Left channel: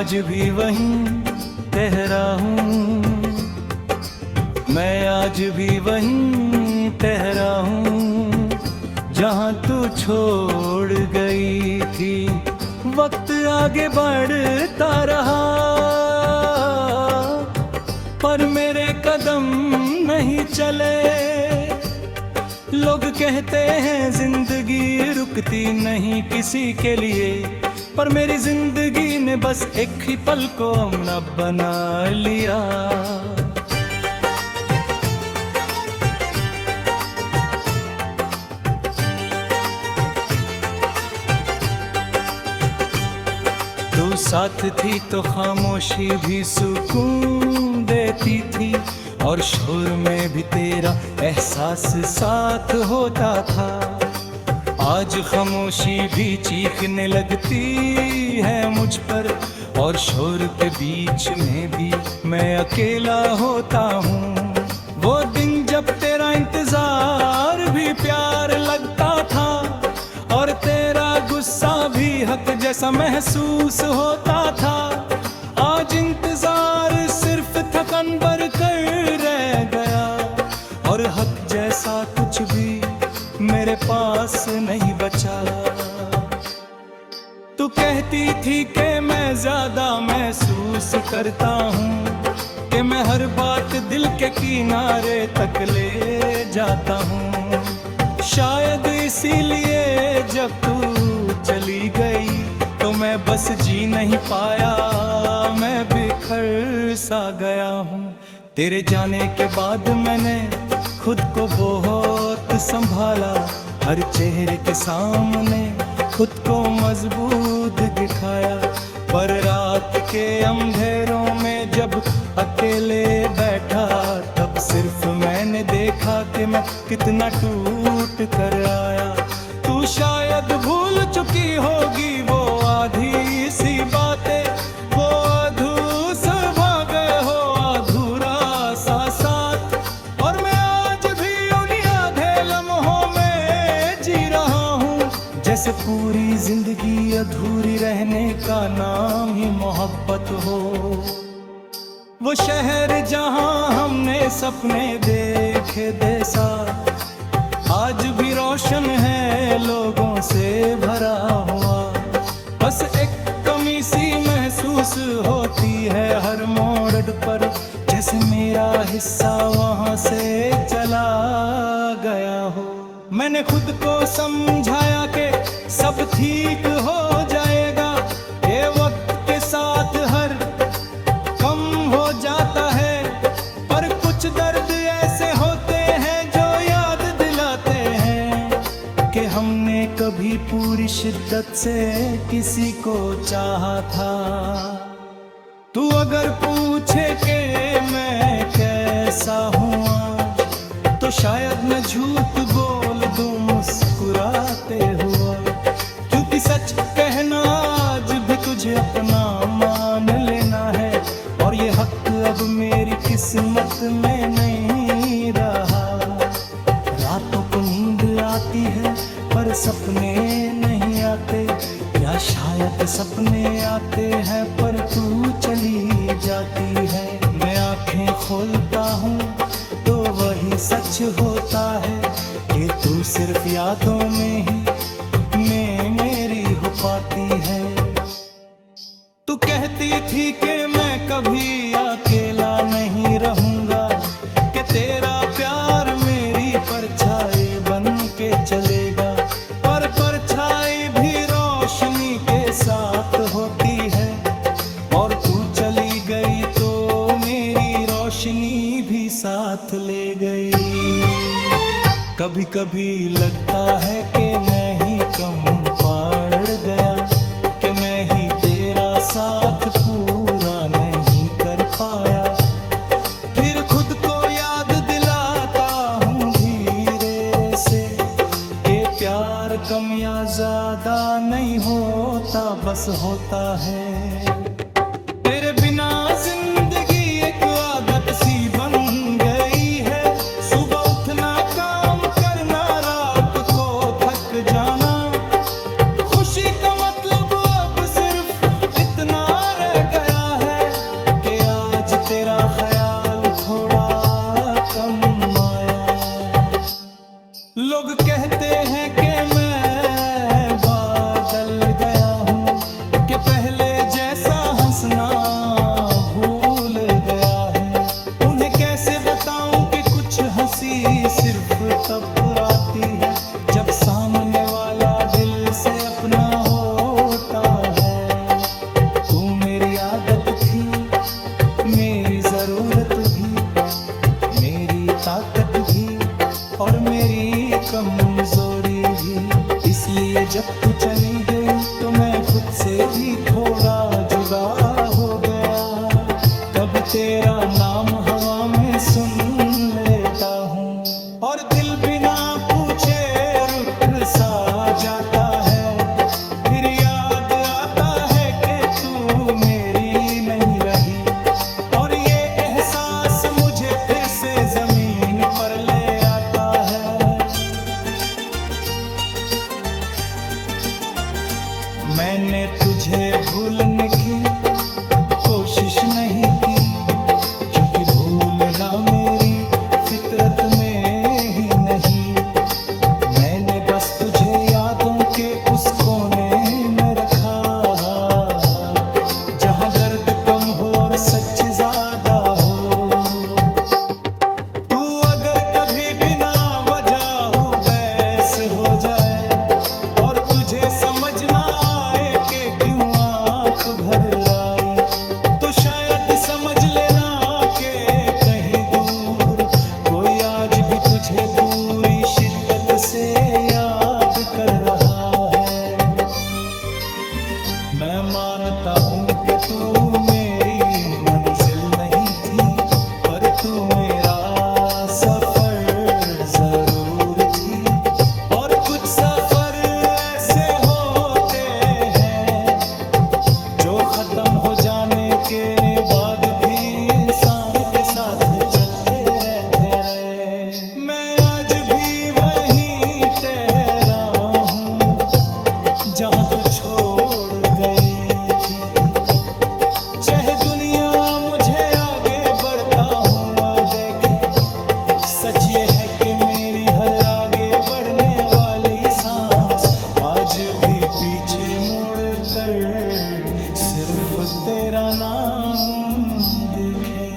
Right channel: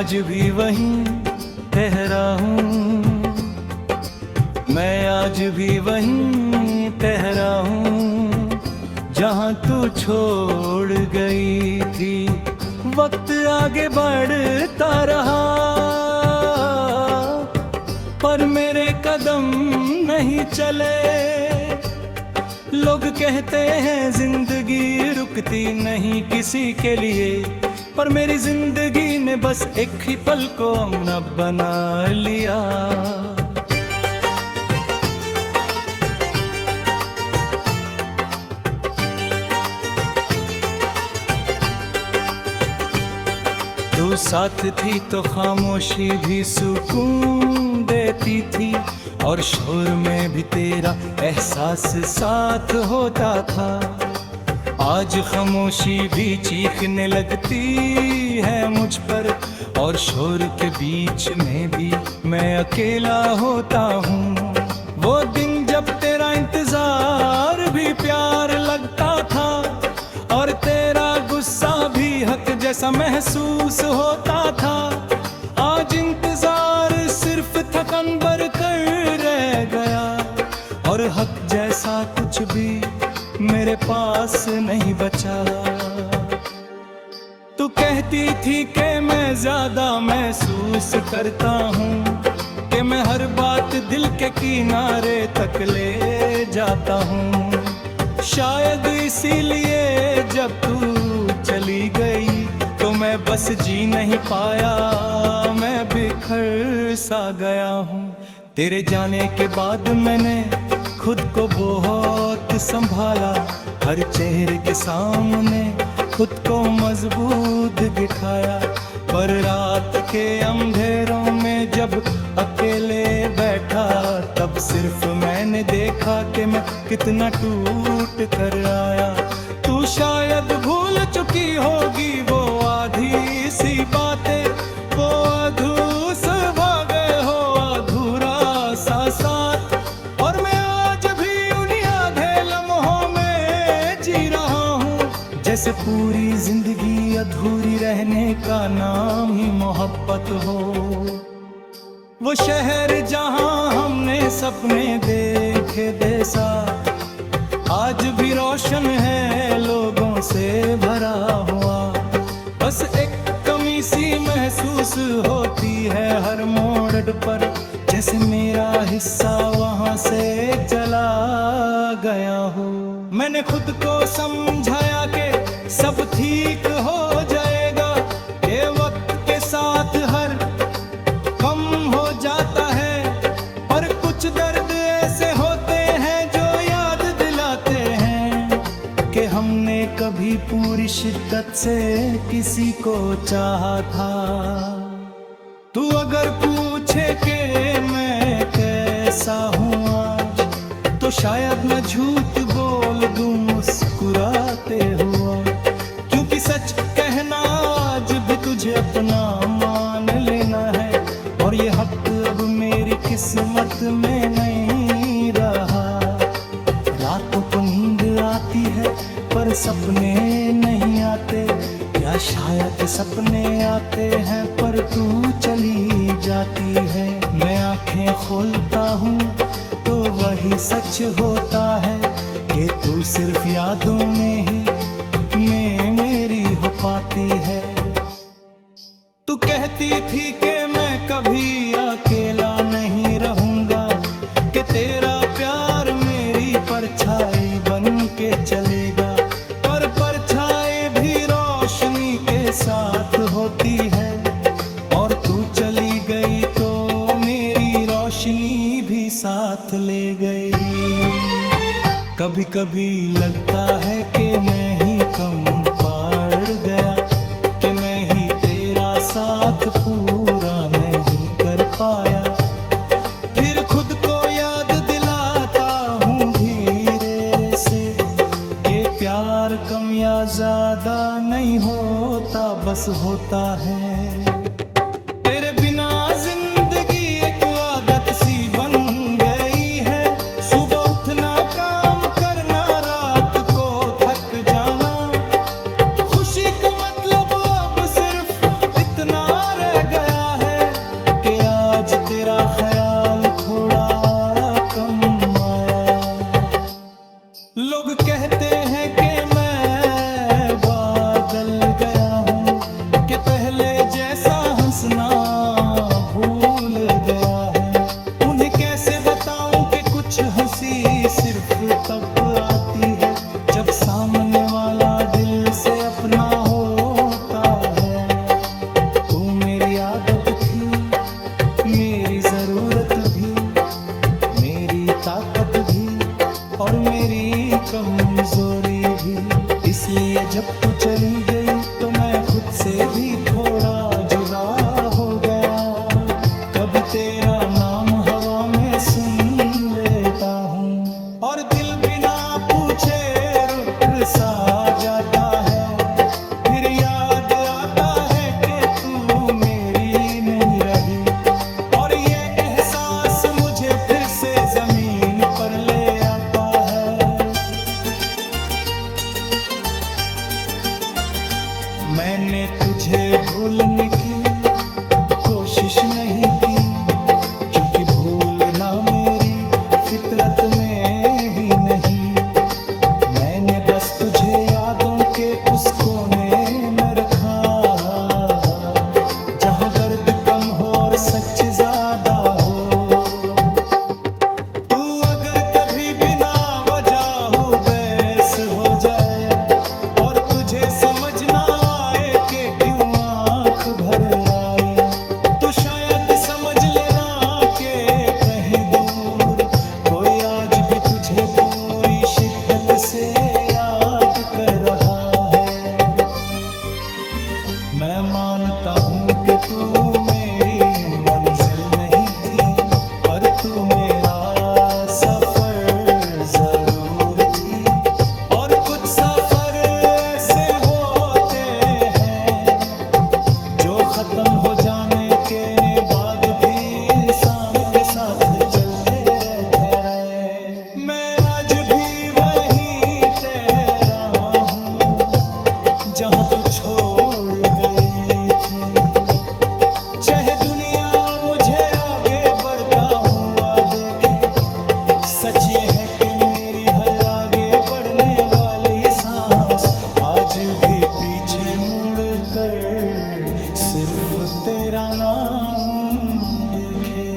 आज भी वहीं ठहरा हूँ, मैं आज भी वहीं ठहरा हूँ जहाँ तू छोड़ गई थी। वक्त आगे बढ़ता रहा पर मेरे कदम नहीं चले। लोग कहते हैं जिंदगी रुकती नहीं किसी के लिए, पर मेरी जिंदगी ने बस एक ही पल को अपना बना लिया। तू साथ थी तो खामोशी भी सुकून देती थी, और शोर में भी तेरा एहसास साथ होता था। आज खामोशी भी चीखने लगती है मुझ पर, और शोर के बीच में भी मैं अकेला होता हूँ। वो दिन जब तेरा इंतजार भी प्यार लगता था, और तेरा गुस्सा भी हक जैसा महसूस होता था। आज इंतजार सिर्फ थकन भर कर रह गया, और हक जैसा कुछ भी मेरे पास नहीं बचा। तू कहती थी कि मैं ज्यादा महसूस करता हूँ, कि मैं हर बात दिल के किनारे तक ले जाता हूँ। शायद इसीलिए जब तू चली गई तो मैं बस जी नहीं पाया, मैं बिखर सा गया हूँ। तेरे जाने के बाद मैंने खुद को बहुत संभाला, हर चेहरे के सामने खुद को मजबूत दिखाया। पर रात के अंधेरों में जब अकेले बैठा, तब सिर्फ मैंने देखा कि मैं कितना टूट कर आया। तू शायद भूल चुकी होगी वो आधी सी बातें, वो अधूस भागे हो अधूरा सा साथ। और मैं आज भी उन्हीं आधे लम्हों में जी रहा हूँ, जैसे पूरी जिंदगी अधूरी रहने का नाम ही मोहब्बत हो। वो शहर जहाँ हमने सपने देखे जैसा, आज भी रोशन है लोगों से भरा हुआ। बस एक कमी सी महसूस होती है हर मोड़ पर, जैसे मेरा हिस्सा वहाँ से चला गया हो। मैंने खुद को समझाया कि सब ठीक हो जाएगा, कि वक्त के साथ हर कम हो जाता है। पर कुछ दर्द ऐसे होते हैं जो याद दिलाते हैं कि हमने कभी पूरी शिद्दत से किसी को चाहा था। तू अगर पूछे कि मैं कैसा हूँ आज, तो शायद मैं झूठ बोल दूं मुस्कुराते हुआ, क्योंकि सच कहना आज भी तुझे अपना मान लेना है। और ये हक अब मेरी किस्मत में नहीं रहा। रातों को नींद आती है पर सपने नहीं आते, या शायद सपने आते हैं पर तू चली जाती है। मैं आंखें खोलता हूँ तो वही सच होता है कि तू सिर्फ यादों में ही मेरी हो पाती है। तू कहती थी कि मैं कभी अकेला नहीं रहूंगा, कि तेरा प्यार मेरी परछाई बन के चलेगा। पर परछाई भी रोशनी के साथ होती है, और तू चली गई तो मेरी रोशनी भी साथ ले गई। कभी कभी लगता है कि मैं ही कम पड़ गया, कि मैं ही तेरा साथ पूरा नहीं कर पाया। फिर खुद को याद दिलाता हूँ धीरे से कि प्यार कम या ज्यादा नहीं होता, बस होता है। तेरे बिना जिंदगी एक आदत सी बन गई है, सुबह उठना काम करना रात को थक जाना। खुशी का मतलब अब सिर्फ इतना रह गया है कि आज तेरा ख्याल थोड़ा कम आया। लोग कहते हैं कि मैं बदल गया हूँ, कि पहले जैसा हंसना भूल गया है। उन्हें कैसे बताऊं कि कुछ हंसी सिर्फ तब आती है जब सामने वाला दिल से अपना होता है। तू मेरी आदत थी, मेरी जरूरत भी, मेरी ताकत भी और मेरी कमजोरी भी। इसलिए जब तू चली गई तो मैं खुद से भी थोड़ा जुदा हो गया। कभी तेरा नाम हवा में सुन लेता हूँ और दिल बिना पूछे रुठ सा जाता है। फिर याद आता है कि तू मेरी नहीं रही और ये एहसास मुझे फिर से जमीन पर ले आता है। मैंने तुझे भूलने की कोशिश नहीं की, क्योंकि भूलना मेरी फितरत में ही नहीं। मैंने बस तुझे यादों के उस कोने में रखा जहां दर्द कम हो और सच ज्यादा हो। तू अगर कभी बिना वजह बहस हो जाए और तुझे समझ ना आए कि क्यों आंख भर आई, तो शायद समझ लेना कि कहीं दूर कोई आज भी तुझे पूरी शिद्दत से याद कर रहा है। मैं मानता हूँ कि तू मेरी मंजिल नहीं थी, पर तू मेरा सफर जरूर थी। और कुछ सफर ऐसे होते हैं जो खत्म हो जाने के बाद भी इंसान के साथ चलते रहते रहे। मैं आज भी वहीं ठहरा हूँ जहाँ तू छोड़ गई थी। चाहे दुनिया मुझे आगे बढ़ता हुआ देखे, सच ये है कि मेरी हर आगे बढ़ने वाली सांस आज भी पीछे मुड़ कर सिर्फ तेरा नाम दिखे।